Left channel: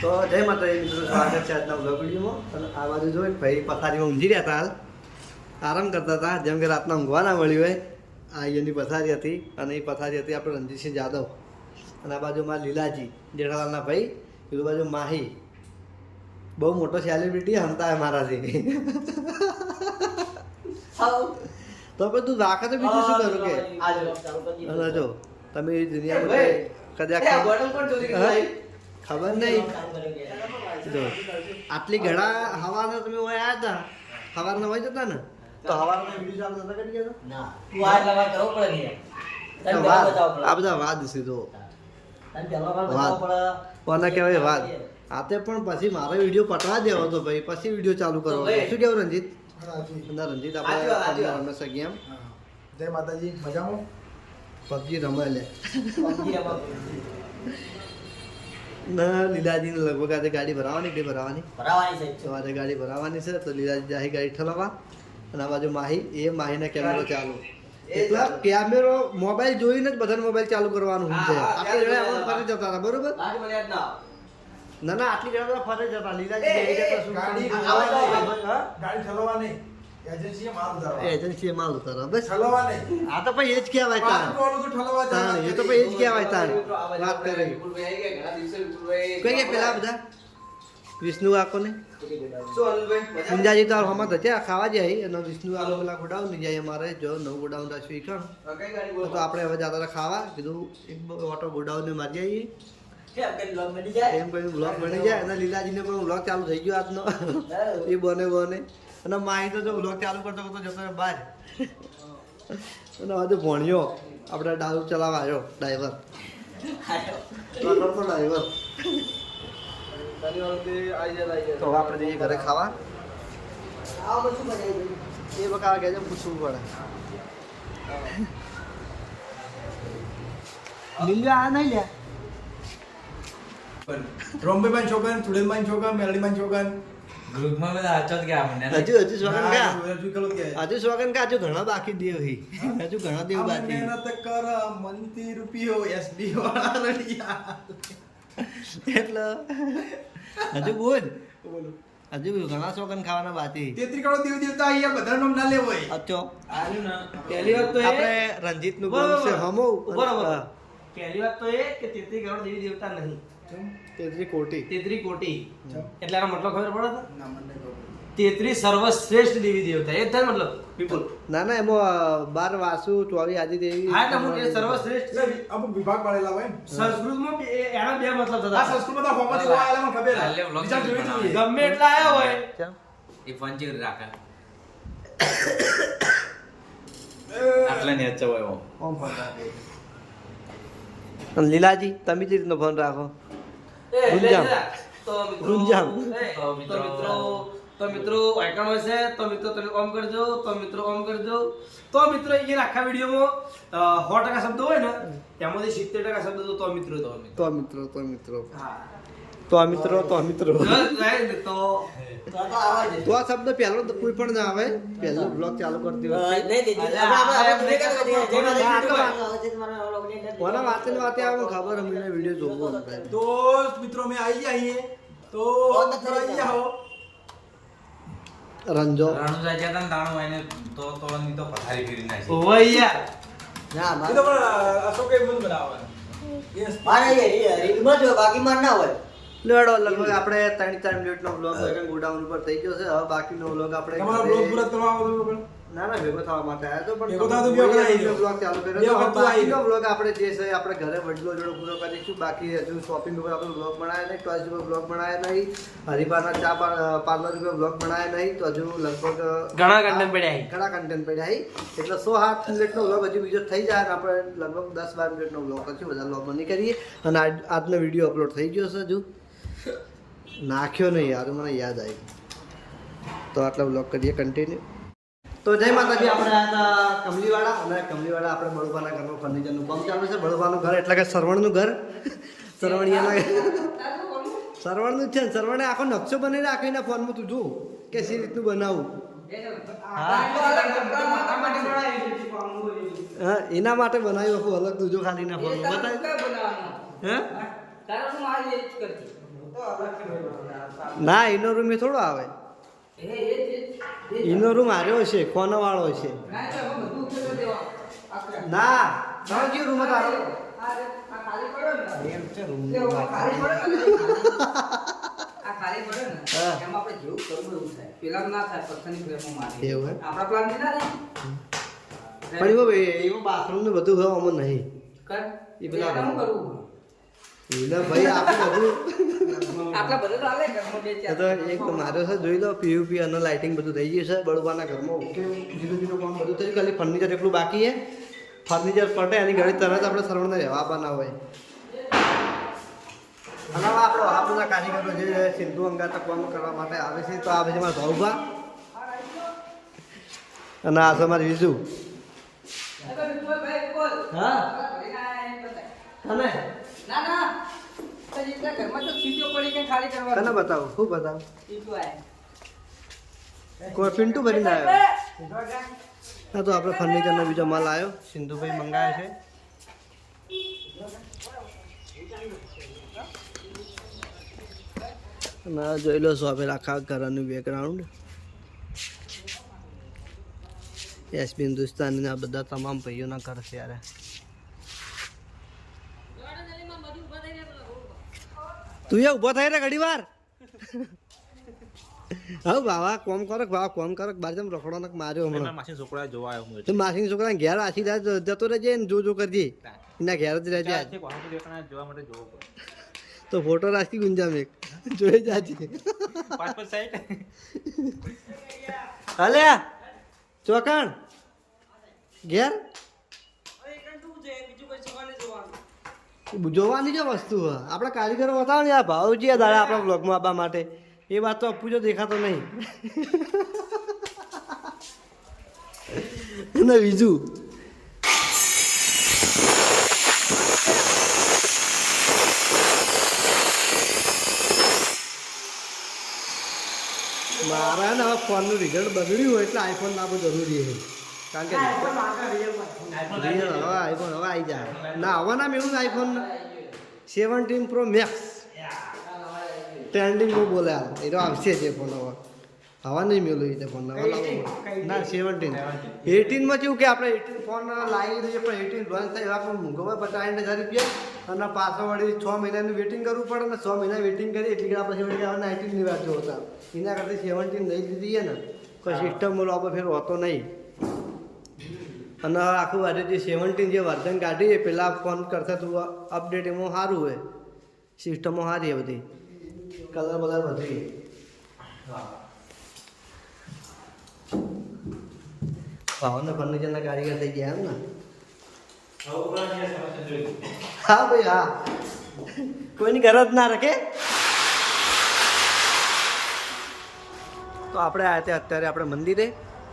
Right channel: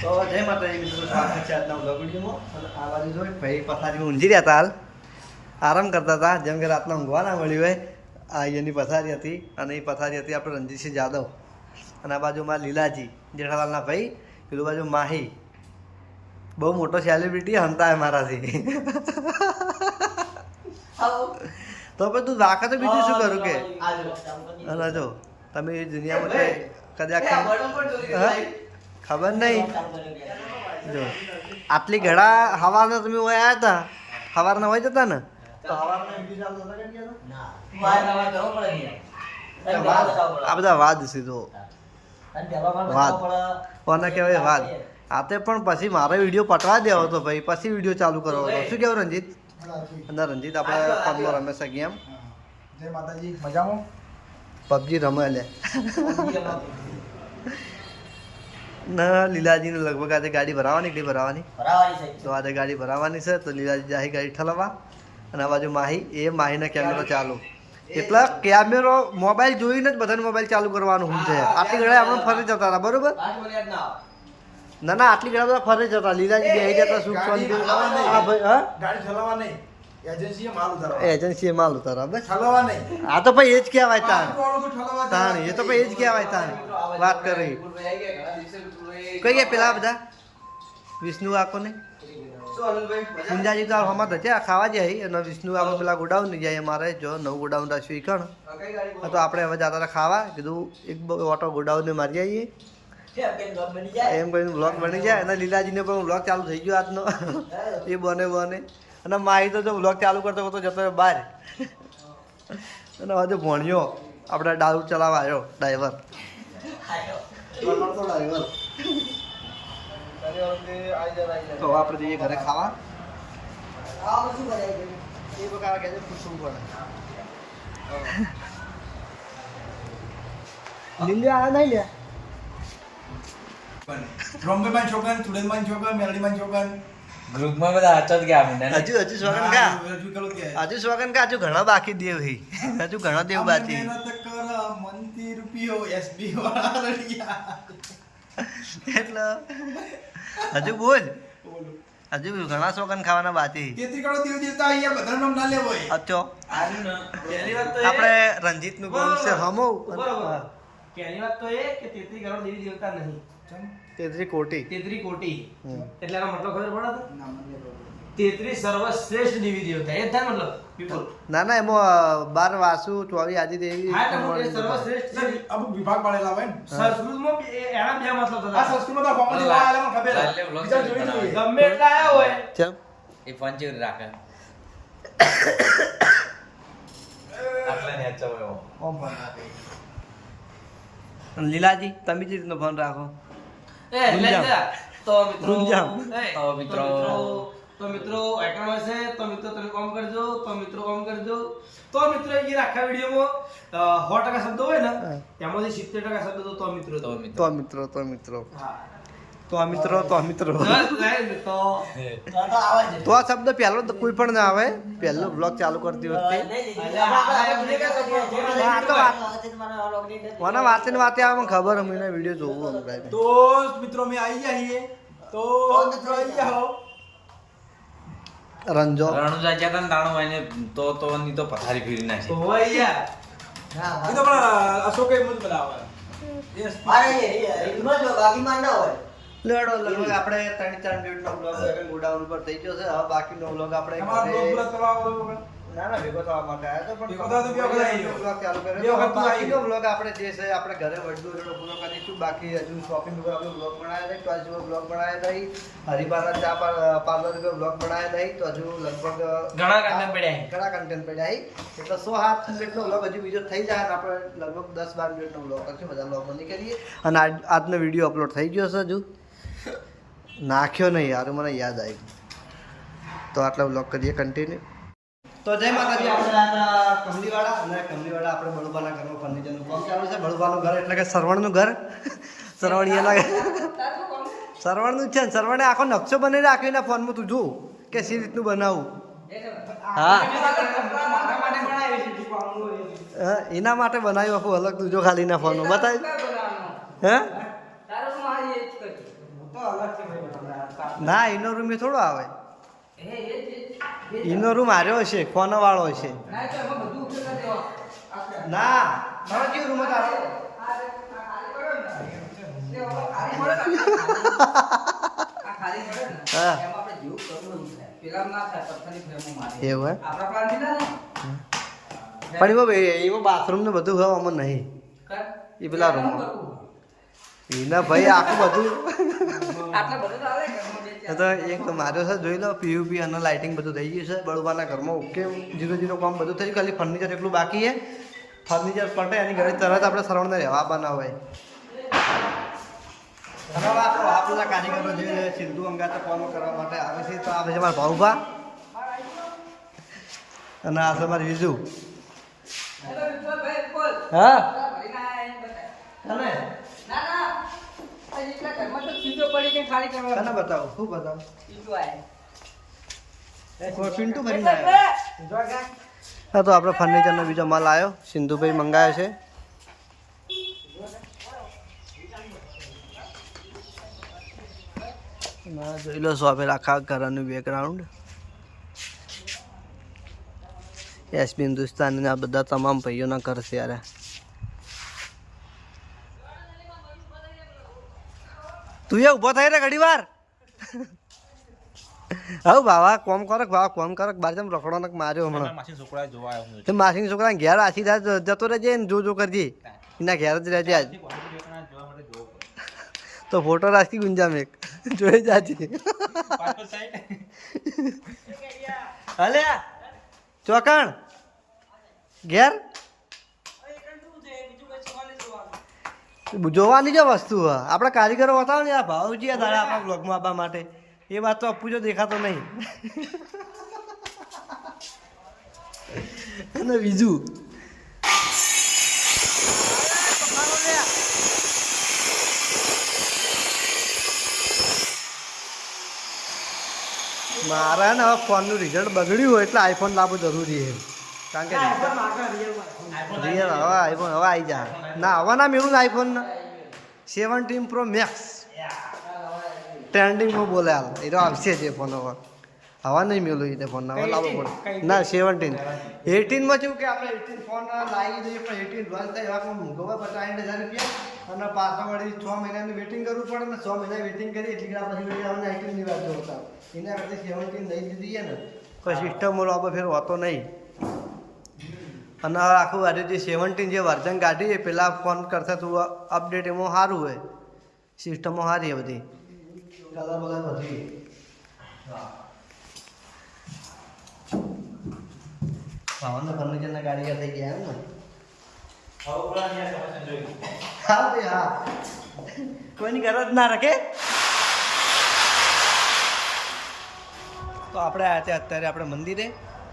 તો જય માતાજી મિત્રો, સ્વાગત છે આજના વ્લોગ વિડીયોમાં. અને આ બાજુ જો ભાઈ પથારીમાં ઊંઘી રહ્યા હતા, હાલ આરામ કરતા હતા. જેમ કે રાતના ઊંઘવા ના મળ્યું હોય, આ એની પથારી હતી. અને એ પથારી હતી આપણે રણજીતસિંહ જાદવ. અને આ બાજુ મારા લીલાજી જેઠાલાલના ભાઈ, પેલું બાજુ માહી, બહુ મોટો સેલિબ્રિટી હંતા હે મારાથી. તો પછી તું રાખે તો બીજું શું કરું કે. અને જો તમે એ દુનિયામાં કદાચ ખબર નહીં. જો આટલી ઘડા હવાના તમે હોય આવ્યા હતા, સવારના હોય જતા ને તો સવારના વિડીયો ચાલુ નતા કરી ગયા વાદ. આ બધા વાદ સીધો વાદ કોને કહેવાય વાદ. આતે પણ પછી મારો વિડીયો પટવા દેવો હતો ભાઈ, પછી વિડીયો ચાલુ કરવો હતો. શું કેવું રંજીત? અને રંજીત આપણે ફોનમાં રમે છે ગેમ. જય માતાજી, મજામાં? પબજી રમે લે ના. લીલાજીને લગભગ આજે ગાડી ભરાવાની કે ભરાવાની તો આજે ગાડી ભરાવાની છે. તો લીલાજી જાહી ગાડી ઠલવા. અને આ બાજુ માહી, એ માહીના કેમેરો ચાલુ. એટલે કેમેરો મોબાઈલ જોઈને જ બધાને મોબાઈલ ચાલુ કરવાનું હોય છે. આટલી ઘડા આપણે ફરી જતા હતા, બરોબર? ના ના, આટલી ઘડા બધા ફરી જતા. લીલાજી બેહી જતા સુખ શાંતિ. એજન્સીએ માલ ઉતારવા બસ. આ તો ભાઈ એ જ કહેવાય તાણ. એ તો ભાઈ એ જ કહેવાય તાણ. વાત કરી કઈ ગયા પેલા બધા વિષ્ણુ આકો ને પુંજાજી તો હમત છે ખાવા જાય. અને વિષ્ણુ આકો પેલા ગોડાઉન ને જાય. અમારે જો નવું ગોડાઉન રાખ્યું કણ તો આપણે હવે જતા હતા ખાવા. કીધું એક ઓટો ગોડાઉન ને મારી આવીએ એમ કરીને બ્લોગ બની જાય. અને લીલાજીને પણ બ્લોગ ચાલુ થઈ ગયો આજનો. એ બને બને. અને માહી તો જો બ્લોગ ચાલુ કરતો કરતો જતો બહાર. અને હજુ ભણ્યો આપણે દારૂ ચલાવવા આવ્યો ડ્રાઈવર. ડ્રાઈવર તો હવે આપણે જઈએ ઘરે ખાવા. એ બકા કે પૂછવું પડે. લીલા આ નહીં લે રોમ્બેમાન છોકન, તુડેમાન છોકન, મેલડીમાન છોકન ગ્રુપમાં બધા અચત ગયા મને. હજુ સ્વાગન કા હજુ સ્વાગન કા હજુ ઘણા બાકી દેવ હી. હજુ ઘણા દેવ બાકી. મહેનત કર મનથી રૂપિયો એસબી વાળા રડિયા. એટલે હજુ બોલ. બોલો હજુ ઘણા સ્વાગન ખાવાના બાકી. 33 કરોડ દેવ દેવતા અહીંયા બધા નામ ના લેવો હોય. અચ્છો પહેલી વાત તો આપણે રંજીત નું ગ્રામ છે હમો. પહેલી વાત તો એ કે 33 કરોડ દેવી દેવતા નહીં, 33 કોટી. 33 કોટી. એટલે આનો મતલબ ખબર પડે? ના મને નહીં ખબર. 33 સર્વશ્રેષ્ઠ દેવી દેવતા એ જ થાય મતલબ પીપલ. ના ના, એમાં 12 વાસુ 24 આદિ દેવી. હા એટલે હું એ સર્વશ્રેષ્ઠ છે. અમુક વિભાગ પાડેલા હોય ને. સંસ્કૃતમાં એના બે મતલબ થતા. આ સંસ્કૃતમાં તો ફોર્મ જોવા આલે મને ખબર લાલે vlog ચાલુ બનાવે. ગમે એટલા આયા હોય ચલ એ ફોન ચેવી રાખે આટલા ની અચ્છા હોય ઓમ ફોન રાખે. અને લીલાજી તમે જ રીતનો ફોન રાખો. એ ગુંજામ. તો મિત્રો ગુંજામ. તો મિત્રો આઈકન હોય છે. તો મિત્રો તમે ઓમ કરજો. તો મિત્રો ઓમ કરજો. તો મિત્રો એ આખા વિડીયોમાં 100% શબ્દો હોય ને તેમાંથી 70% શબ્દો તો મિત્રો તો મિત્રો હા તો મિત્રો તો મિત્રો તો તો આ શબ્દ પહેલો તો કોઈ પણ ના આવે. પહેલો બ્લોગ ચાલુ કરતી વખતે કોના વાતે ને વાતે આવે મને ખબર. અમને વિડીયો જોવું અમને. તો મિત્રો અમે આવી ગયા અહીંયા. તો મિત્રો આવી જાઓ. રંજો રણુજા જતા ને તાણું એને તો ની તો પથારી ફેરી નાખી. ઓય યાર એ તો પણ અશોકે બધું બનાવે. લેડો લગભગ આપણે 3-4 મિનિટનો બ્લોગ ગોડાઉન ઉપર થઈ ગયો છે. હવે બાકીનો બ્લોગ આપણે તમારો બ્લોગ પૂરો કરવા આવો તો પણ ના ના ભેગો થવા માટે આવ્યો તો પણ ભેગો થવા તો ભેગો થઈ ગયો. બ્લોગ ચાલુ કર્યો તો. હવે બાકીનો બ્લોગ આપણે જે છે આપણે ઘરે વડલો જોડો પૂરો કરીશું. બાકી હજુ શોપિંગ ઉપર આપણે બ્લોગ બનાવ્યા નહીં, ટોયસ ઉપર બ્લોગ બનાવ્યા નહીં, હરિબાના ચા પાર્લર ઉપર બ્લોગ બનાવ્યા નહીં. તો હજુ લગભગ ઘણા કન્ટેન્ટ પડ્યા પડ્યા છે. એટલે 107 મિનિટનો બ્લોગ હજુ બીજો થઈ જાય. અને આપણે લગભગ 10-12 મિનિટનો બ્લોગ કરશું. બધા બ્લોગ બંધ કરીએ. અને આજનો વિડીયો અપલોડ થઈ ગયો છે. હજુ નાખ્યો નહીં યાર, મને યાદ આવી. તો આટલા બ્લોગ કરીએ કન્ટિન્યુ. તો જય માતાજી. આપણે આ હતા કમલીવાળા. અને કમલીવાળા આપણે બળુબાના ઘરનું ફર્નિચરનું કામ ચાલુ છે. બળુબાનું ઘર એટલે કે સરવણનું ઘર. સરવણિયાના સરવણનું છે ને. સરવણે આખો નકશો બનાવી રાખ્યો ફોનમાં. તું જો કે સી રીતનું બનાવું. હા એના માટે બનાવ્યું આખું અલગ. તું જો ખાલી ના ફોનમાં બતાવ્યું. હા ના એનો રૂમ એ થોડો આવે એનો રૂમ હાર્યો છે કોનો વાળો છે ના તારો કયો રૂમ તારો એવું પણ એમાં બાથરૂમ ને બધું હવે અમને નહીં એ પેલા રૂમ એના ભાઈ આખું બધું તો એક માર્યો છે જોઈ લો પીયુપી અને લાઇટિંગ બધું થઈ ગયું છે બળુબાના ઘરમાં ઓકે જીરો કામ બધું થઈ ગયું ખાલી ફર્નિચર એટલું બાકી છે ફર્નિચર પટે એની ઘડી તરત આપણે સરવણને રહેવા બનાવે અને હવે આપણો આપણા કારીગરો જે સિંધુ અંગાત કામ કરવા માટે આવે છે તો આવે છે મારા ભાઉભા અને આ છે મારી વિજુ હા કને કને બતાવું શું બતાવું કોઈ પિન્ટુ ભરીને આવ્યો હા તો આપણે ફર્નિચરનો બીજો માલ આવ્યો સિંધુભાઈ મંગાવ્યો છે અને જોઈ લો શોપે આખા ઘરનું બેકગ્રાઉન્ડ એસપી હિન્દુસ્તાની આ બધા તમામ ભાઈઓના ઘર છે યાર તું એ ઊભો થઈ રે ઘડી વાર હવે બાવા કોમ કરક બાર જેમ રખડો ને માર્યો હમણાં માસી છોકરા જોવા આવ્યો હું માસી છોકરા ઘેર આછી જતો રહેજે ને જો કરજે એના ઘેર જ રહેજે આજ તો ફોટો રાખી ગુંજામ એક જોઈ જાજે હલે ચોકણ ઘેર જોવાની જો વસ્તુ આપણા કારીગરો બતાવો ને આ ભાવજી આ દાડા આપણા બ્લોગમાં આપવા માટે એ વાત તો અપૂજો દેખાતો નહીં અને બીજું મારા ને હવે ફોનનું રિઝલ્ટ બગડ્યું હોય એટલે આઈફોન લાવવું જરૂરી છે કારણ કે રિયલ હવે આઈફોન હવે આવી જા ના હવે ના મેળવું ને આઈફોન 17 પ્રો મેક્સ ટ્રેન્ડિંગમાં બોલે હાલ એ તો આવશે જ એ ફોન હવે હવા નહીં મેળવું એ ફોન હવે લાવવો પડે ના 17 18માં કેવું કે આપણે 18 ફોન લાવી દઈએ પણ 18 લોન્ચ થાય એવા પણ મૂંઘો હોય 50,000 રૂપિયા અને પાછો વળી 6 મહિનાનું વેટિંગ કરવું પડે ને 6 મહિના વેટિંગ કરી એટલી કે પછી વળી હવે 19ની વાત જોતા એના કરતાં 17 લઈ લીધી ને કોઈ સિસ્ટમ આપણે ફેર હોતો નહીં અને આખું આજે જે 17 જે વર્ઝન કાઢી એ પેલા ફોન કરતાં તું અપડેટ એમાં સારું હોય સિસ્ટમો સારી છે બધી કલર બલર બધી ભાવને ફર્નિચરના કારીગર થઈ ગયા એમ ને હા ભાઈ હા કોઈની ગરજ ના રાખે તો આપણે આવ્યા હતા અત્યારે આપણે મંદિરે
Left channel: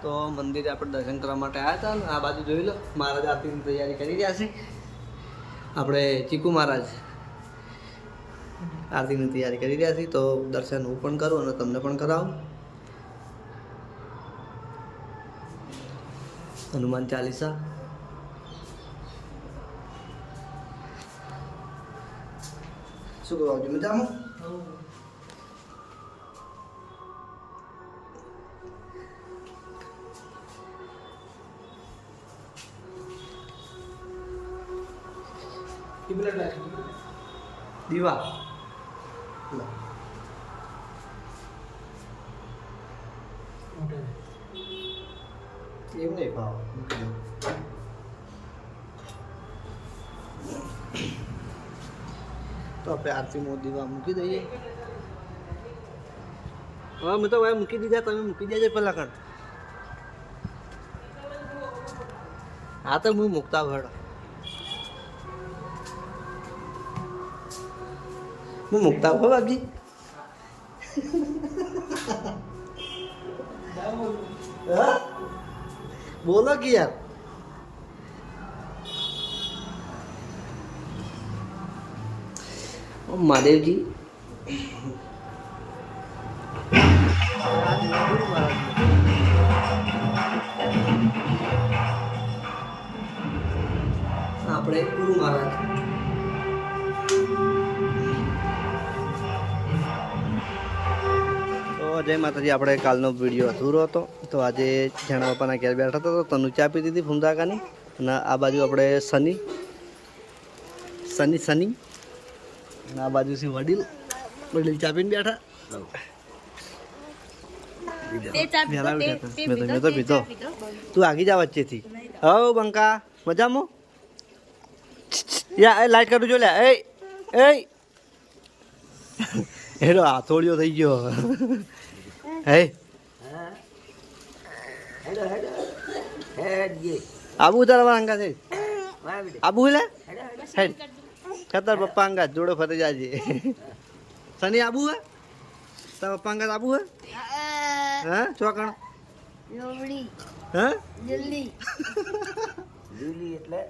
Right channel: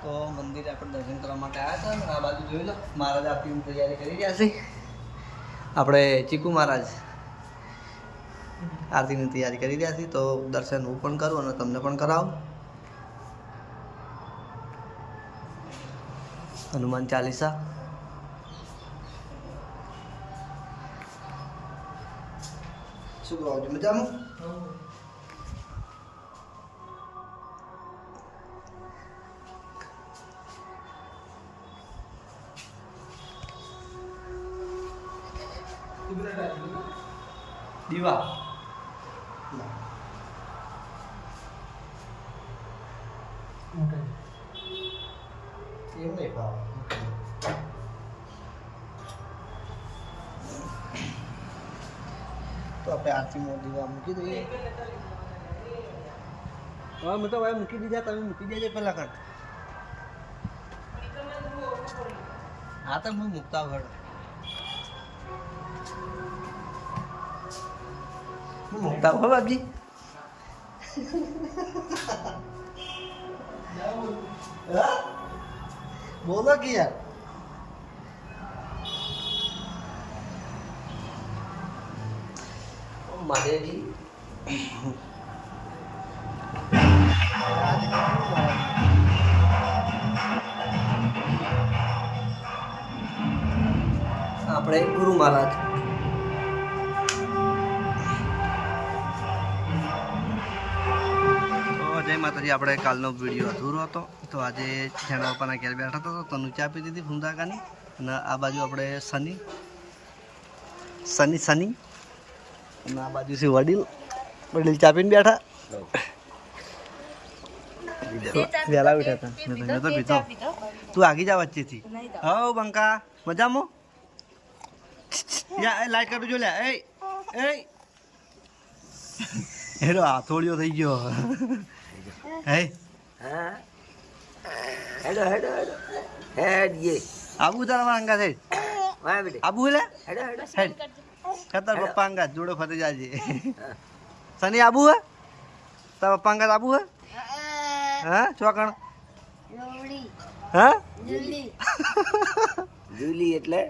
તો મંદિરે આપણે દર્શન કરવા માટે આવ્યા હતા ને આ બાજુ જોઈ લો મહારાજ આરતીની તૈયારી કરી રહ્યા છે આપણે ચીકુ મહારાજ આરતીની તૈયારી કરી રહ્યા છીએ તો દર્શન હું પણ કરું અને તમને પણ કરાવું હનુમાન ચાલીસા શું કહો મજામાં દીવા એમ નહીં ખાવ તો આપણે આરતીમાં દીવા મૂકી દઈએ હવે મેં તો ભાઈ મૂકી દીધા તમે મૂકી દેજો પેલા કણ હા તો હું મૂકતા ભરો હું મૂકતા હો બાપજી હા બોલો કે યાર મહાદેવજી ગુરુ મહારાજ આપણે ગુરુ મહારાજ જય માતાજી. આપણે કાલનો વિડીયો અધૂરો હતો તો આજે જેણા બાપાના ઘેર બેઠા હતો તો તનુ ચા પી દીધી ફૂમદાકાની. અને આ બાજુ આપણે સની અને આ બાજુ છે વડીલ ચા પીને બેઠા. વહેલા ઉઠ્યા હતા મેં તો પીધો. તું આગી જા વચ્ચેથી. હવ બંકા મજામાં? યા એ લાઈટ કરું જો લે. એ એનો હાથોડિયો થઈ ગયો. હે આબુ તારા અંગા સાઈડ આબુ લે સાઈડ ખતર પપ્પા અંગા જોડે ફરી જાજે. સની આબુ હે તારા પપ્પા અંગા આબુ હે? હા ચોકણ હા જુલી એટલે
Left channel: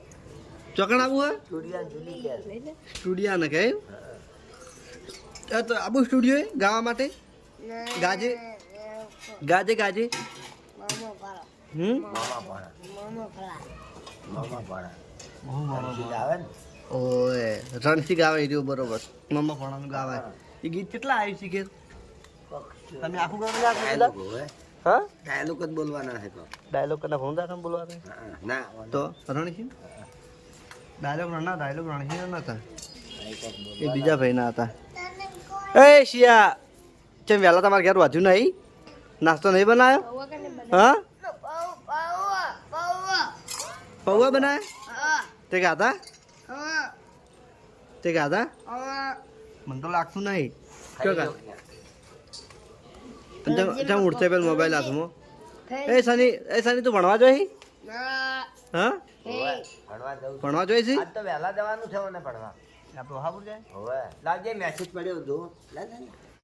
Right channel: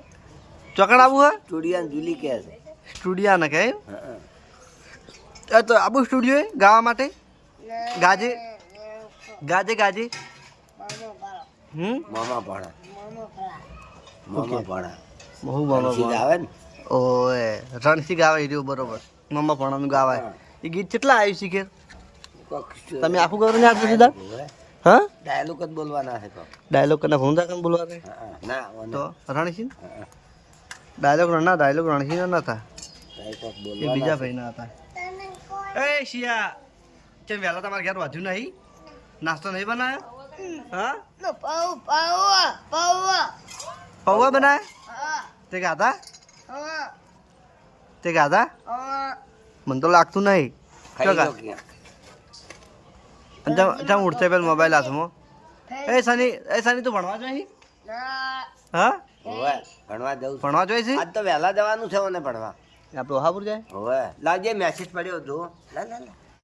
ચોકણ આબુ હે? ચુડિયા જુલી કે છે. સ્ટુડિયા ને કે તો આબુ સ્ટુડિયો ગાવા માટે ગાજે મામા ભાડા બહુ મામા સીધા આવે ને ઓએ રણસી ગાવે રહ્યું બરોબર. મમ્મા ભણાનું ગાવાય એ ગીત કેટલા આવ્યું શીખે તમે આખું કરો ને આખું સીધા? હા ડાયલોગ જ બોલવાના છે કોક. ડાયલોગ કને ભૂંદા કને બોલવા દે ના તો રણસી ડાયલોગ રણસી ના હતા એ બીજા ભાઈ ના હતા. એ શિયા ચમ વહેલા તમારા ઘેર વાંચ્યું નહીં? નાસ્તો નહીં બનાવ્યો? હા પૌવા બનાવ્યા તે ગાધા મને તો લાગતું નહીં. ચોકા ઉઠતે પેલા મોબાઈલ હાથમાં. એ સની તું ભણવા જોઈ? હા ભણવા જોઈ છે? આજ તો વહેલા જવાનું છે મને ભણવા. આપણે ઓહાપુર જાય હવે લાવજે મેસેજ પડ્યો જો લા